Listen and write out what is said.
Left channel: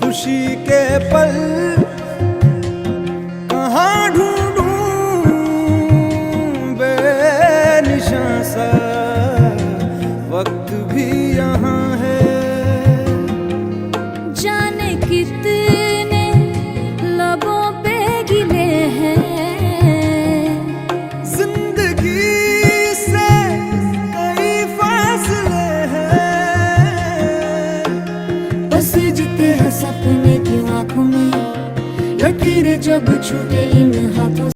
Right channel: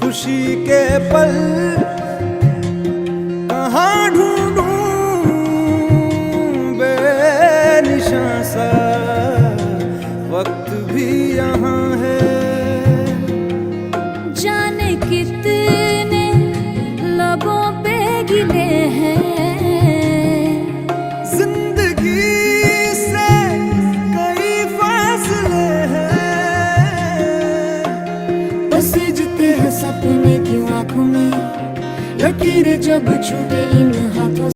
खुशी के पल कहाँ ढूंढूं, बेनिशां सा वक्त भी यहाँ है। जाने कितने लबों पे गिले हैं, जिंदगी से कई फासले हैं। बसीजते हैं सपने की आंखों में, लकीरें जब छूटे इन हाथों